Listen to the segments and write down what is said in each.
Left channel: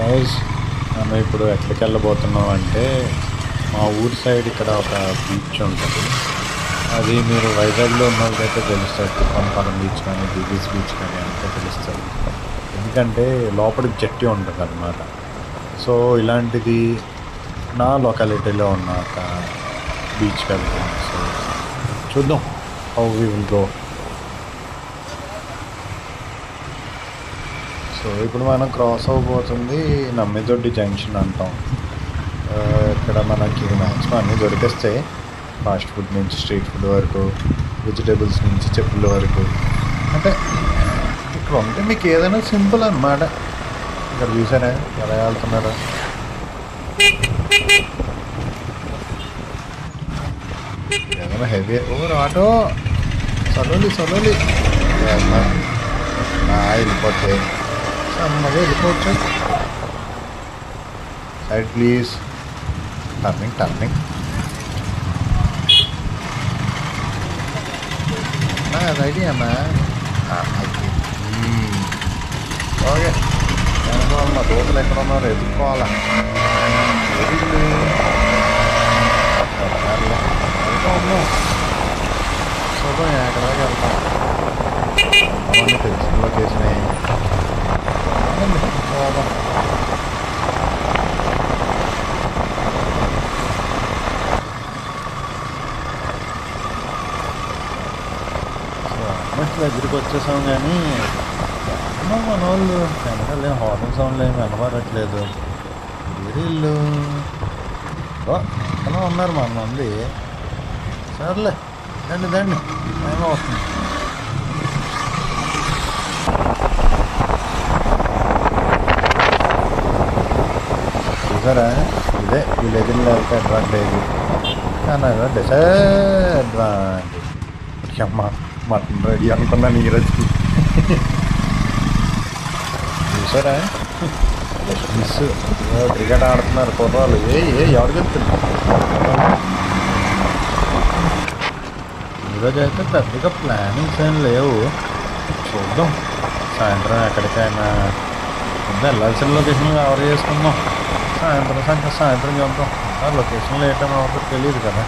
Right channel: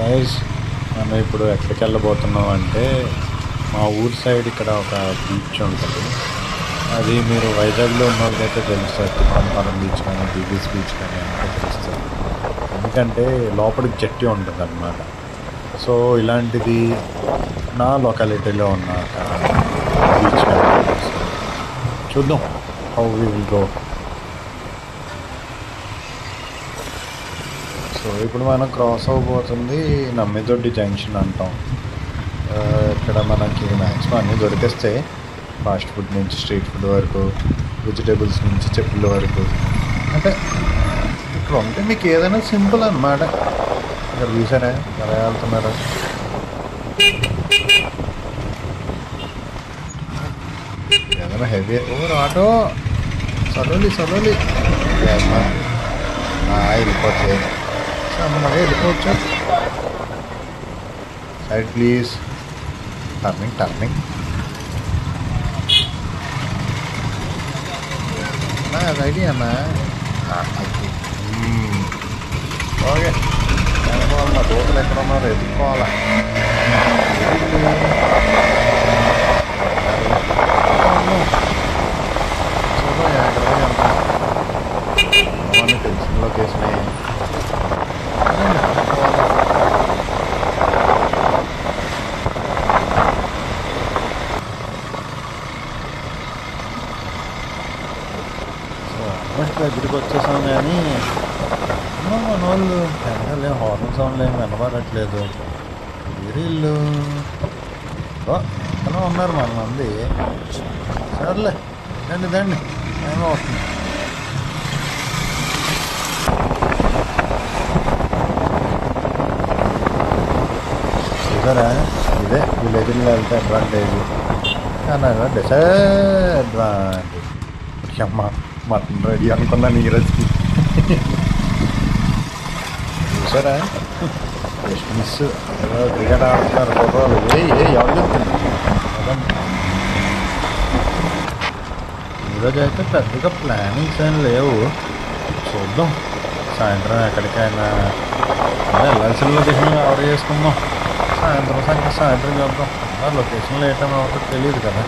Guys మనం ఇప్పుడు ఎక్కడికి వెళ్ళబోతున్నాం అంటే మా ఊరి సైడ్ ఇక్కడ ఒక బీచ్ ఉంటుంది. అది మీరు వైజాగ్లో ఉన్న వాళ్ళకైతే తెలుస్తుంది. తిప్పనపాలెం బీచ్ కానీ దివీస్ బీచ్ కానీ అంటే తెలుస్తుంది. ఎందుకంటే లోపలికి జట్టి ఉంటుంది అన్నమాట. సో ఇలాంటిది నా లొకాలిటీలో ఉన్న ఒక బీచ్ వెళ్తుంది. సో చూద్దాం how we will go. So ఇప్పుడు మనం క్రాస్ అవ్వబోతుంది నమ్మిదొడ్డి జంక్షన్ అంటాం. ఇక్కడ మనకి మ్యాక్సిమం అన్నీ దొరికేస్తాయి. ఫాస్ట్ ఫుడ్ నుంచి స్ట్రీట్ ఫుడ్ వరకు, వెజిటేబుల్స్ నుంచి చెప్పుల వరకు. అంటే ఇక్కడ ఉంటే మీకు ఏదైనా సింపుల్ అన్నమాట. ఇక్కడ చూసారా ఎలా వెళ్తున్నారా? ఏదైనా హెవీ ఓవర్ ఆటో సలోలి వెళ్ళిపోతే సమ్మగా వెళ్ళిపోవచ్చు. Side please. టర్నింగ్ అది ఐడియా అమ్మా. ఓకే అనుకోవాలి. మా దోతలు ఎక్కడ ఉన్నారు ఎదుర్కోవాలా. చూద్దాం ఎక్కడ దాకా వెళ్తాం. అవన్నీ తెలిసిన లొకేషనే. పోదాం. సో ఆల్మోస్ట్ దగ్గరికి వచ్చేసాం కానీ మన వాళ్ళు వెనకాల ఏం హార్న్ సౌండ్లు ఏమి వినబడట్లేదు. వేరే ఇల్లు ఎక్కడ ఉన్నారు మన మంది. సర్లే దండి టైం అవుతుంది. చూసారా ఇదే విలేజ్లో వెళ్తే అడ్వాంటేజ్ కానీ డిసడ్వాంటేజ్. అమ్మ మటన్ రెడీ అనుకున్నా నీరజ్కి. చూసారా జస్ట్ మిస్. క్రికెట్ ఆడుతున్నారు కుర్రాలు. ఎవరు వెళ్తున్నారు. ఈరోజు అయితే పెద్దగా ప్లానింగ్స్ ఏం లేవు. చూద్దాం సాయంత్రం ఎక్కడికైనా వెళ్ళాల్సిన లొకేషన్ కవర్ చేసుకుందాం. సాయంత్రం చూద్దాం. లొకేషన్లో ఏటైనా అవుతుందో తెలియదు కదా.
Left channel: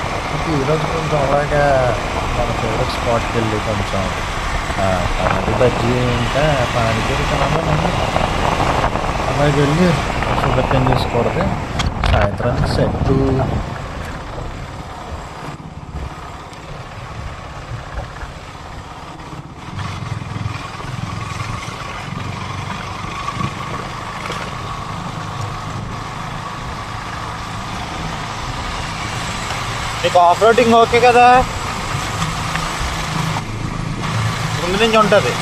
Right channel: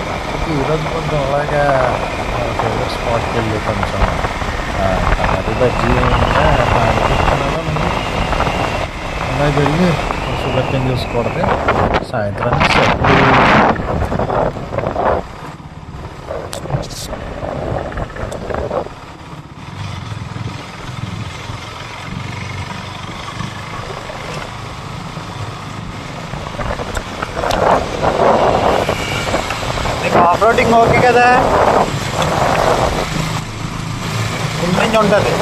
కాకపోతే ఈరోజు కొంచెం అలాగా మన ఫేవరెట్ స్పాట్కి వెళ్ళి కొంచెం కాదు బజ్జీ ఇంకా పానీపూరి తినాలో నేను అలాగే వెళ్ళి షుగర్ కేన్ జ్యూస్ కొడితే సాయంత్రానికి సెట్. మీకు ఆఫ్ రోడింగ్ ఓకే కదా? ముందు నుంచి ఉంటుంది.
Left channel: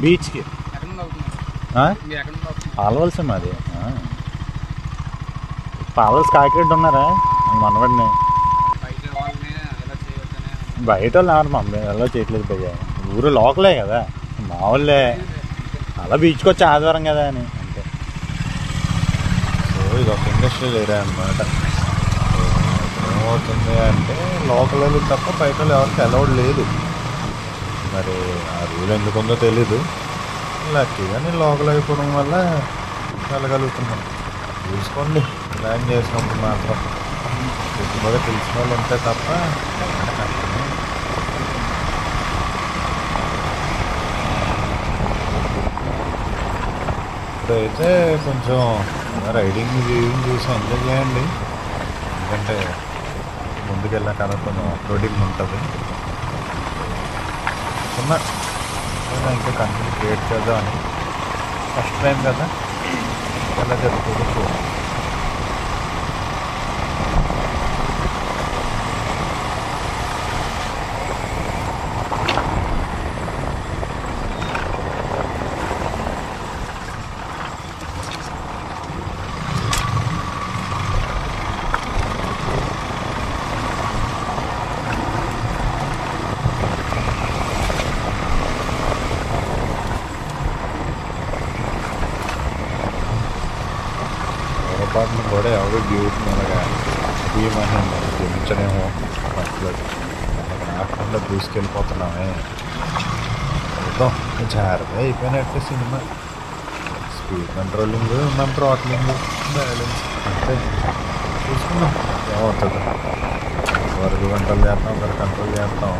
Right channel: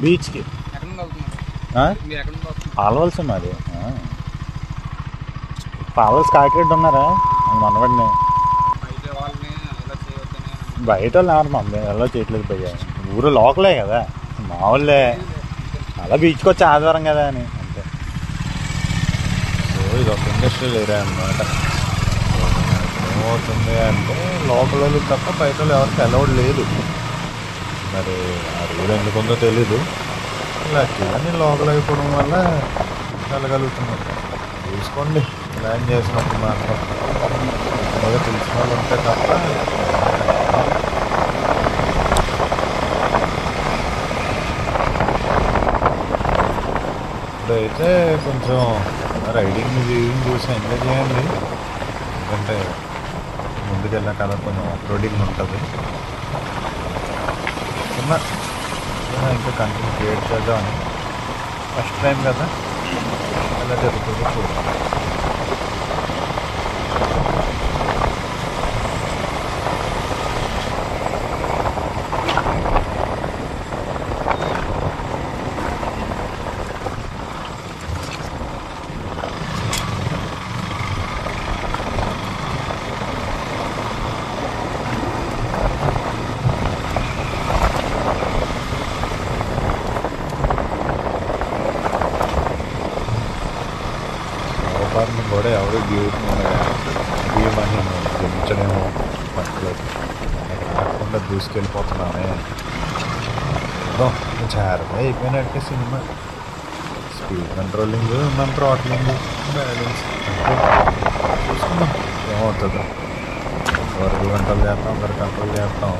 బీచ్కి పాలవలసి మాది. పాలవలసి కాకిరెడ్డి ఉన్నారా మనవాడిని. బయట వాళ్ళు ఎవరు మమ్మీ ఎలా చేయట్లేదు భయ్యా. ఊరు లోకలే కదా మా వాళ్ళే. అలా బీచ్కి వచ్చి ఆదివారం కదా అని అంతే. సో ఇది ఒక ఇండస్ట్రియల్ ఏరియా అన్నమాట. ఏమవుతుంది అంటే లోకల్ వాళ్ళు తప్ప బయట వాళ్ళు ఎవరికి అలౌడ్ లేదు. మరి ఆ రూల్ ఎందుకు ఉందో తెలీదు. లక్కీగా నేను లోకల్ అయిపోవడం వల్ల వెళ్ళగలుగుతున్నాను. చూసుకోండి ప్లాన్ చేసినప్పుడు మాత్రం ఎక్కువగా తెలిసిన వాళ్ళు ఉంటే తప్ప. ఇప్పుడైతే కొంచెం రైడింగ్ చూసి ఎంజాయ్ చేయండి. ఎందుకంటే ముందుకు వెళ్ళాక కదా కొంచెం ఆఫ్ రోడింగ్ ఉంటుంది. ఇంకా కంటెంట్ క్రియేట్ చేద్దామని ఫస్ట్ టైం కదా ఎలా జరుగుతుందో చూడండి. పొరపాటును కూడా ఎవరు డ్యూటీ అలాగా అభిమాని జయించడేమో ఫస్ట్లో. ఆకుండా దూసుకెళ్ళిపోతున్నామే. చూద్దాం, జాగ్రత్త అయిపోయినట్టే సినిమా. స్పీడ్ కంట్రోలింగ్, మన థ్రాట్లింగ్, బ్యాలెన్స్ అంతే. చూసుకుందాం ఏమవుతుందో. ఒకరికి కంట్రోల్ చేస్తాం, ఒకరికి కంట్రోల్ చేస్తాం.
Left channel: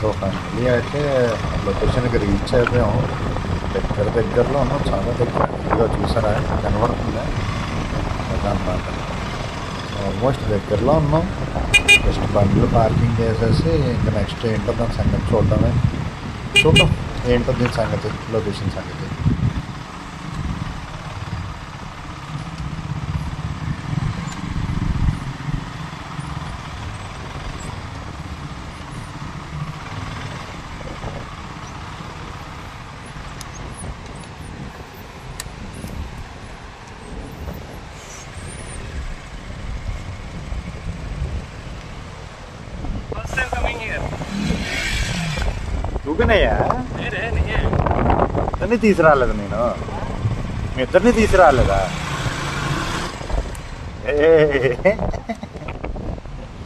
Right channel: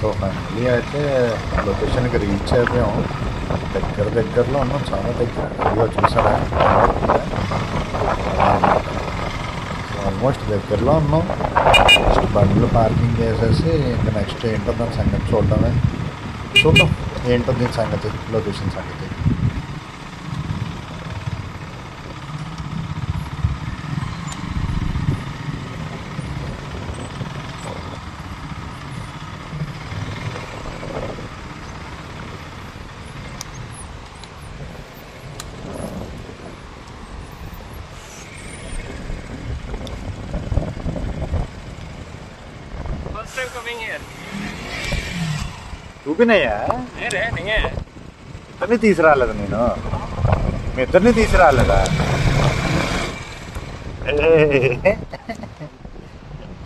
సో ఫైనల్లీ అయితే లొకేషన్కి రీచ్ అయిపోయాం. దగ్గరలో ఉన్నాం, చాలా దగ్గర. ఇదిగో చూసారా, కనబడుతుందా అన్నమాట. సో ఆల్మోస్ట్ దగ్గరలో ఉన్నాం. నెక్స్ట్ బండ్లు పార్కింగ్ చేసేసి ఇంకా నెక్స్ట్ ఏంటో దాని సంగతి చూద్దాం. ఏంటో దీని సంగతి, లొకేషన్ సంగతి. చూపినయ్యా, ఇద్దరిని తీసుకురాలేదు నేను. మీ ఇద్దరిని తీసుకురాలేదా?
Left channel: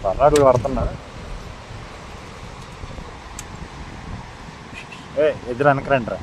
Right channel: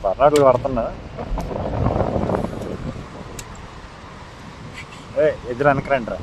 పర్నాటలు పడుతున్నా. ఇద్దరు వెనకరండి రా.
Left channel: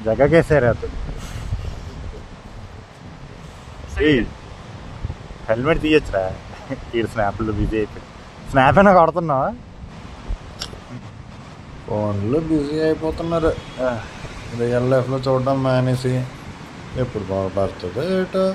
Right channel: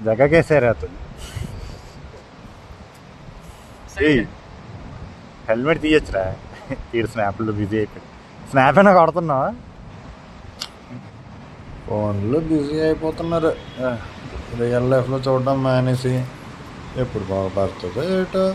जगह कैसे रहा तुम? హెల్మెట్ తీయచ్చురా. ఈ స్నాప్లో బిజీ అయిపోయి. స్నాప్ అయినా కొడుతున్నావా? ఫోన్లో బిజీ అయిపోతున్నారు. రియల్ లైఫ్లో చూడడం మానేసి ఎప్పుడు బాగుపడుతుందో ఏటో.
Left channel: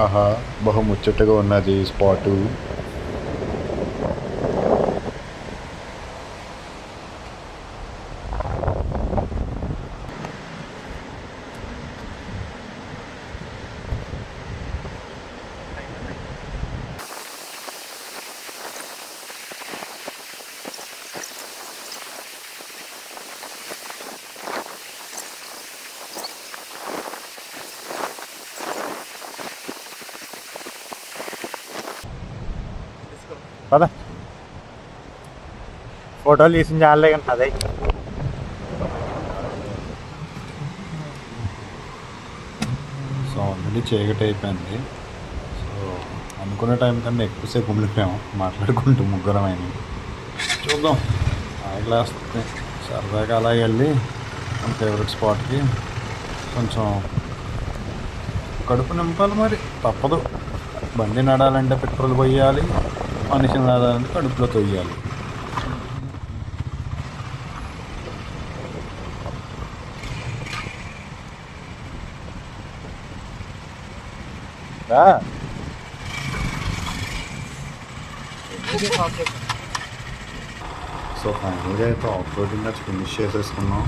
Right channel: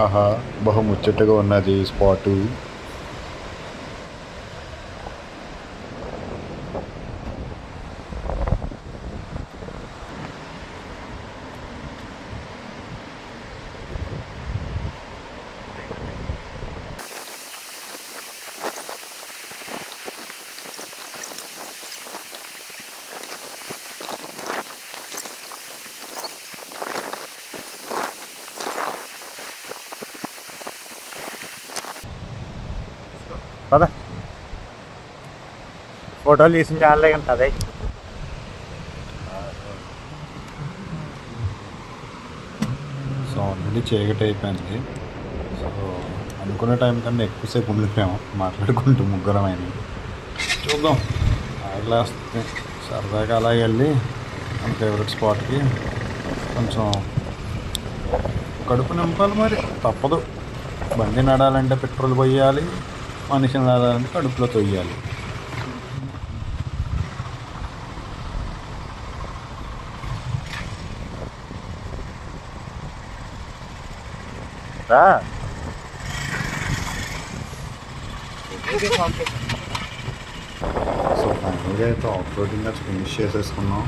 ఆహా, బహుముచ్చటగా ఉన్నది స్పాటు. పద, ఫోటోలు తీసిన చాలే కానీ అదే ఆల్రెడీ చీకటి అయిపోయింది. సో అనుకునే టైం కన్నా ఎక్కువసేపు ఉండిపోయాము మాట్లాడుకుంటూ ముగ్గురమైన. చూద్దాం ఆగలేస్తుంది. సరదాగా అలా వెళ్ళి మన ఫేవరెట్ స్పాట్కి కొంచెం కడుపు నింపాలి, మరి తప్పదు. బండి నడాలంటే పెట్రోల్ పోయాలి, మనిషిని నడాలంటే కడుపులో తొయ్యాలి. సో ఫైనల్గా అయితే ఆఫ్ రోడింగ్ వచ్చి ఫినిష్ చేసేసుకున్నాం.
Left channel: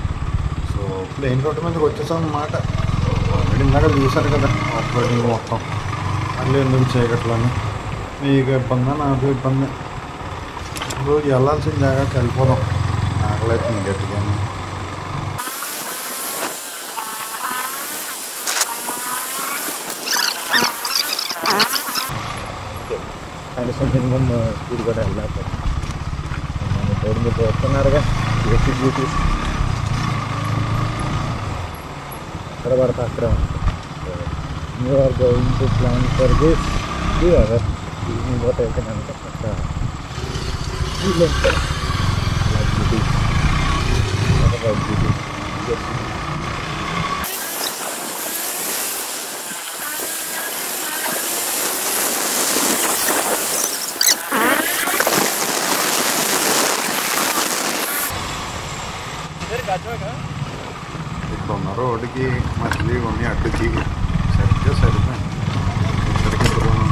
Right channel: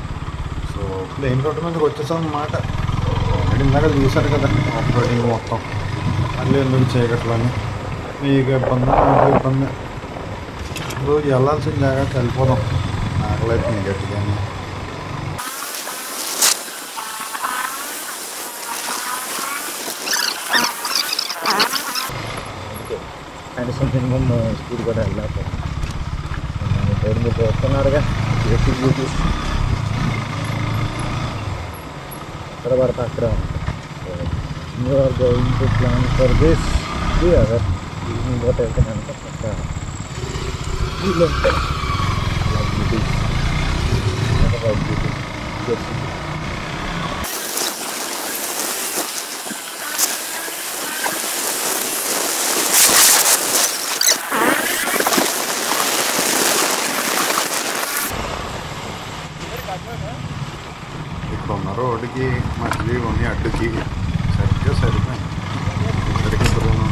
సో ప్లెయిన్ రోడ్డు మీదకి వచ్చేసాం అన్నమాట. ఆల్రెడీ ఇందాక చూసారు కదా ఆఫ్ రోడింగ్ మొత్తం. మళ్ళీ ఎందుకు చీకట్లోని మీకు ఇబ్బంది, నాకు ఇబ్బంది. రోజు వెళ్ళాల్సిన జాగ్రత్తకి వెళ్ళిపోదాం. ఆకలైతుంది గట్టిగానే. కనీసం మినిమం స్పీడ్ కూడా వెళ్ళలేకపోతే రోడ్డు మీద వస్తున్నారుగా ఎలక్ట్రిక్ బ్యూటీస్ ఎక్కడ పడితే అక్కడే ఉంటుంది. You are going to plan for this other evening కూడా వెళ్తే కనుక పక్క వీళ్ళు ఉంటారు బ్యూటీస్ బ్యూటీస్. ఇక్కడ ఉన్న రోడ్డుకి మళ్ళీ కొన్ని అడ్డుకి సరిగ్గా సరిపోయింది ఇద్దరికి ఇద్దరును.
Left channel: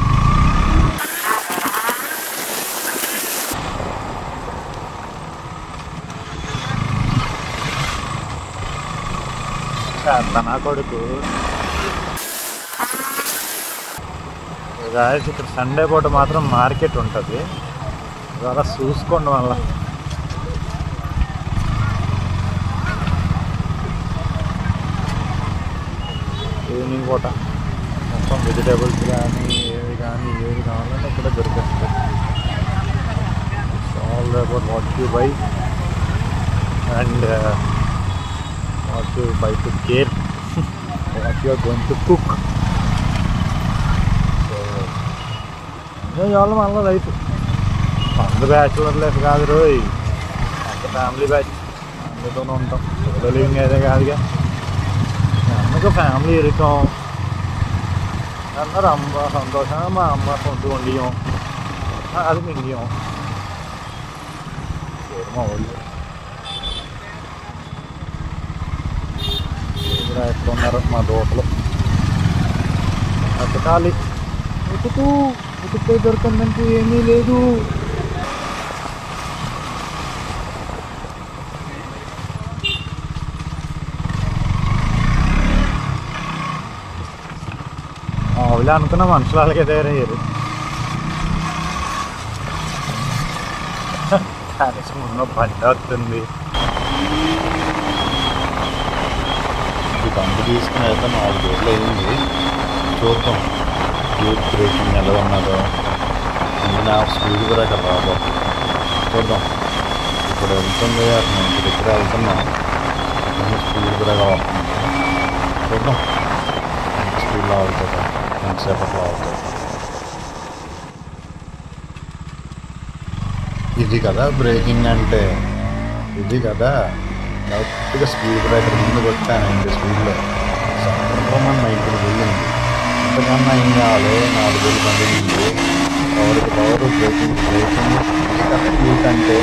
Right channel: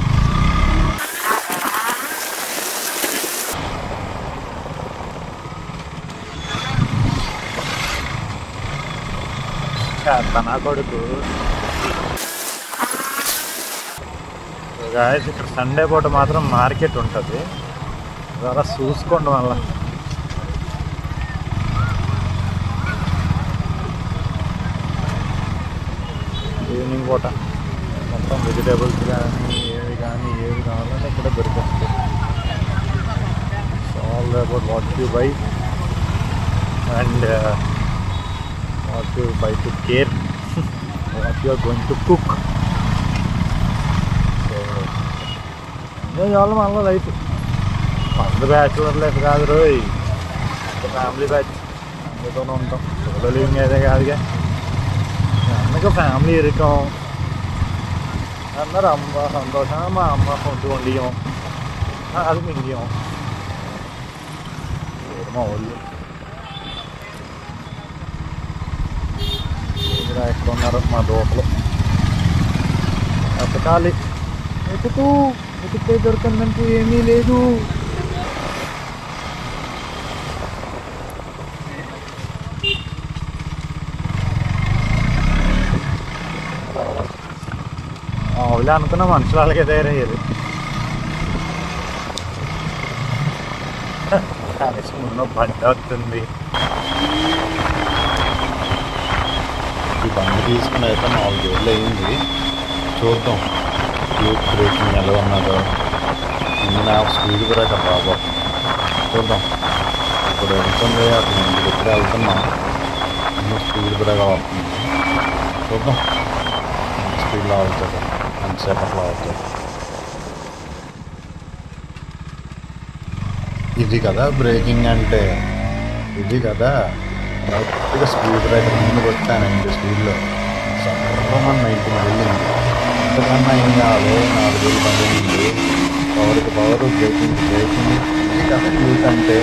నా కొడుకు గాయస్ ఇక్కడ సండే పూట మాత్రం మార్కెట్ ఉంటుంది, అలా చూసుకోండి. మళ్ళీ ఈవినింగ్ పూట మొత్తం వెజిటేబుల్స్ కానీ ఏవి కావాలంటే ఇక్కడ దొరికేస్తాయి. All about what you buy and what you buy to care what you are going to cook. So enjoy చేయాలి మళ్ళీ లైఫ్. అంత బ్యాచులర్ లైఫ్ కాదు రోయ్, అంత ఫ్యామిలీ బ్యాచ్, ఫ్యామిలీతోనే ఉంటాం. సోలో లివింగ్ అయితే కాదుగా. అమ్మకి ఫ్యామిలీ ఇరుకం అందరు అమ్మ సంతోషంగా మా అమ్మ సొంత వండియం అది మింగియం మా వాళ్ళు. ఇక్కడ ఎక్కడ ఉన్నారు మా దోటలు ఎతకాలి. ఎతికితే దొరకందంటూ ఏమీ లేదు. మామూలుగా అనుకున్న మనుషులు అలాగే తయారయ్యారు. కనీసం ఉన్న బండి వస్తుంది. ఈ బండి తీసుకుని అయితే 4 రోజులు అయింది. చూద్దాం ట్యూబ్ బ్రేకింగ్ ఎలా ఉన్నదో. ముందు స్పీడ్ బ్రేకర్ రాబో చూద్దాం. ఇప్పుడు వెళ్తుంది అతను ఇంటి దగ్గర వెళ్తున్నాం. అన్ని స్పీడ్ బ్రేకర్ అవుతుంది. చూద్దాం ఎంత స్పీడ్లో అవుతుందో, ఎంతసేపట్లో అవుతుంది. ఇది కదా బ్రేకింగ్ అంటే, ఇది కదా కరెక్ట్గా స్పీడ్ బ్రేకర్ ముందుకు వచ్చాను 90 స్పీడ్లో. సర్రమని 90 వెళ్ళింది. ఇంతకన్నా ఏం కావాలి? 4 వేలు పడింది. పవర్కి పవర్, బ్రేకింగ్ ఇది కదా యూత్ అంటే.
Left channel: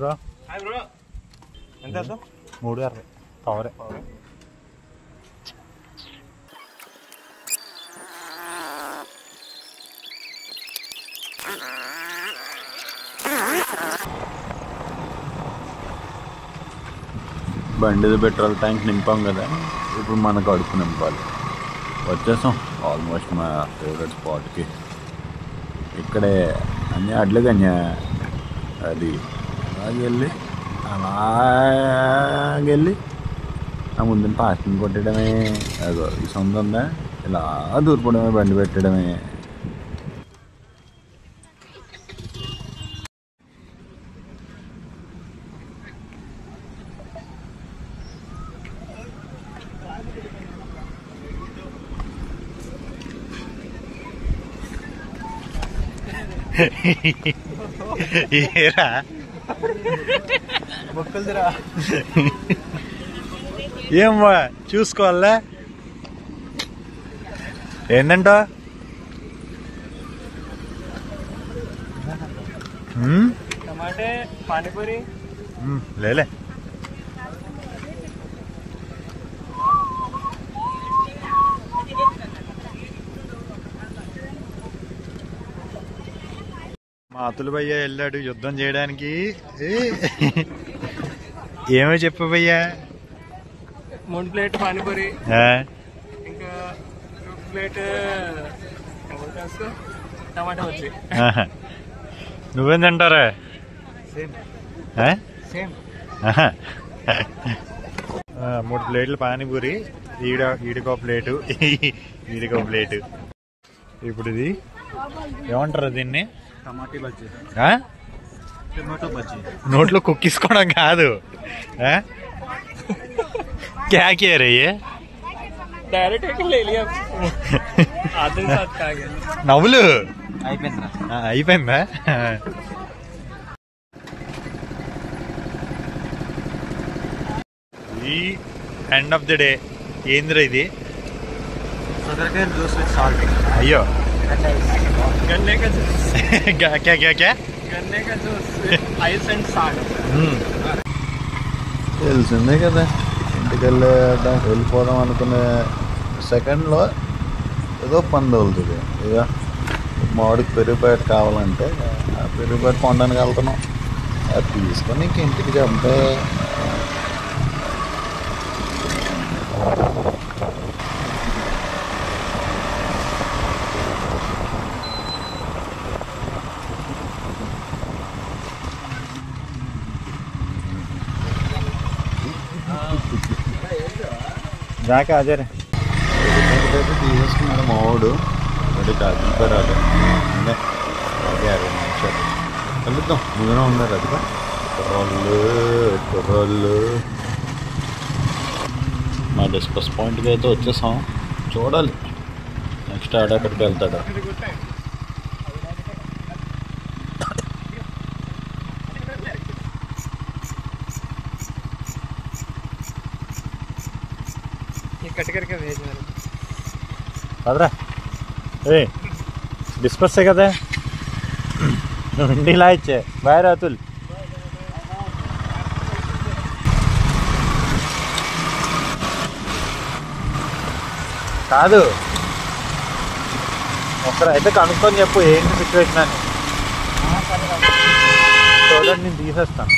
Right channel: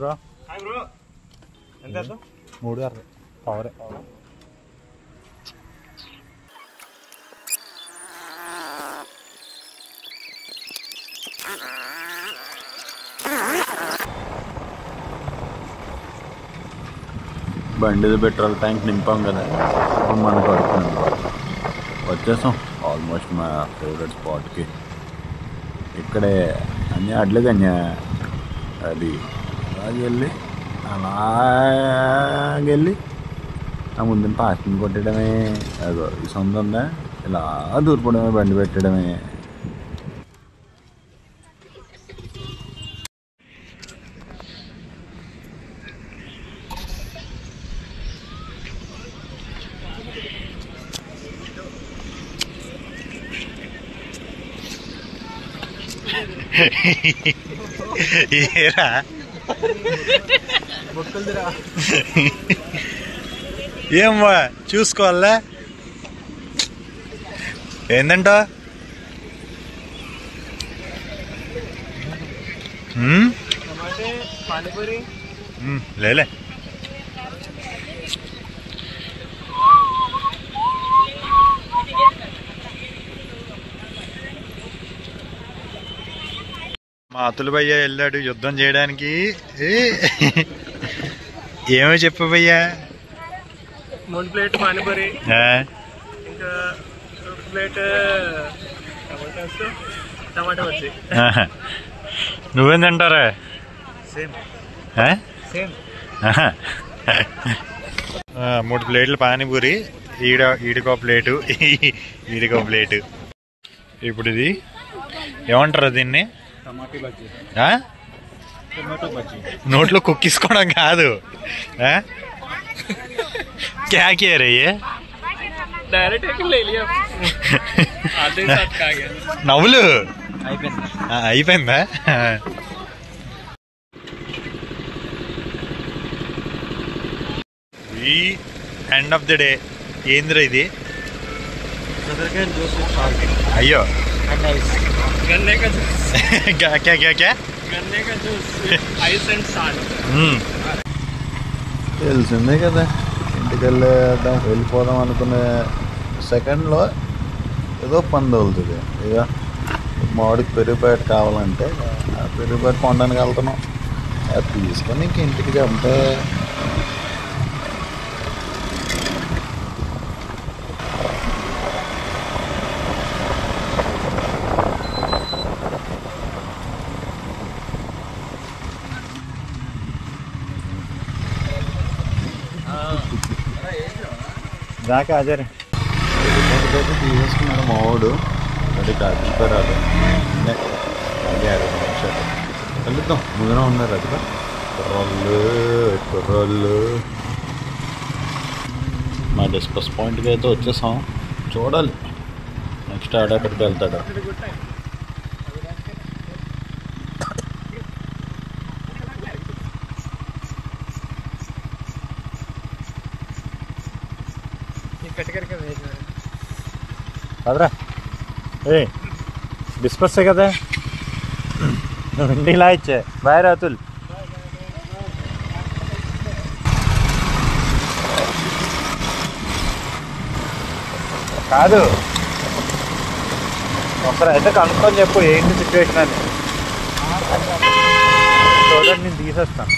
బ్రో 360 పవరే. బండిది పెట్రోల్ ట్యాంక్ నింపాం కదా, ఇప్పుడు మనకు కడుపు నింపాలి. వచ్చేసాం ఆల్మోస్ట్ మా ఫేవరెట్ స్పాట్కి. ఇక్కడే అన్నీ అడ్లకన్యా అది అలాగెళ్ళి అలాగెళ్ళి ఆ ముందుని పార్కింగ్ కొట్టడమే. అదో ఈ సొంత ఉందా, ఇలా దూరిపోవడమే, బండి పెట్టడమే. ఏరా ఏమ్మా చూసుకోవాలా ఏందంటో పానీపూరి లేలే మా అతులు భయ్య వెళ్ళాడు యుద్ధం చేయడానికి. ఏమో చెప్పు భయ్యా. 3 ప్లేట్ పానీపూరి, ఇంకా 2 ప్లేట్ టమాటా వచ్చి. నువ్వేం తింటారా? సేమ్ 3 ప్లేట్లు పానీపూరి, ఈడికో ప్లేటు, ఈడికో ప్లేటు. ఇప్పుడు ఇది ఏమంటారు దీన్ని? టమాటా బజ్జీ, టమాటో బజ్జీ. నోట్లో కుక్కిసుకోవడం కాదు. क्या कह रही है? डायरेक्ट ले लिया आधे साथ खा गया. నవ్వులు అయిపోయిందా? అయిపోయిందా? ఈ ఎండ్ ఆఫ్ ది డే ఏంద్రా ఇది? సొరకాయ జ్యూస్ విత్ సాల్ట్. అయ్యో गन्ने का जूस. क्या क्या क्या क्या? गन्ने का जूस विత్ ఐస్ అండ్ సాల్ట్. తెలిసిందే కదా, ఇంటికి వెళ్ళిపోదాం అనుకునే సెకండ్లో ఏదో పని తగులుతుంది. ఇక మామిడికి పెరుగు ప్యాకెట్ కావాలంటే ఆ పెరుగు ప్యాకెట్ కొనడానికి వెళ్తున్నాం. అది తీసుకొని ఇంక ఇంటికి చెప్తే దాకా హాజరే. అయితే తీసేసుకున్నాడు మావాడు. అది కాదు అదే 20 నిమిషాలు కలుద్దాం. ముందునే ఉన్నారు అది కుర్రోళ్ళు. మా డిస్కస్ పాయింట్కి అయితే వచ్చేసాం. చూడాలి నెక్స్ట్ ఆడక్కడికి వెళ్తాడు. కదరా డిస్పర్సే కదా, నువ్వు ఇంటికి ఇలా ఇచ్చే. బాయ్ రాతుల్. కాదు ఒకసారి అయితే కనుక్కొని చెప్పు ఏంటి సిచ్యువేషన్ అని. చూడండి నేను తీసేస్తాను.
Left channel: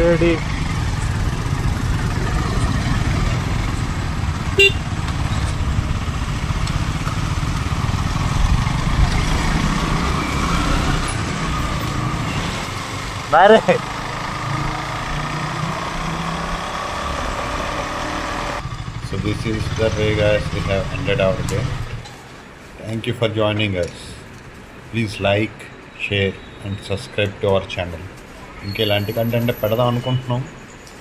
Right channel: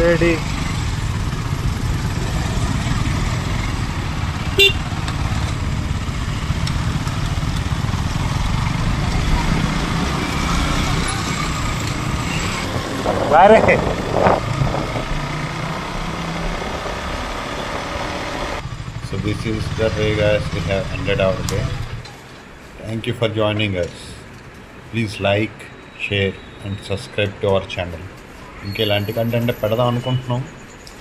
Lady Vare. So this is the way guys we have ended our day. Thank you for joining us. Please like, share and subscribe to our channel. ఇంకెలాంటి కంటెంట్ పెడదాం అనుకుంటున్నాం,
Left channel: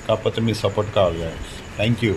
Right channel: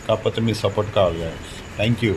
కాకపోతే మీ సపోర్ట్ కావాలి guys. Thank you.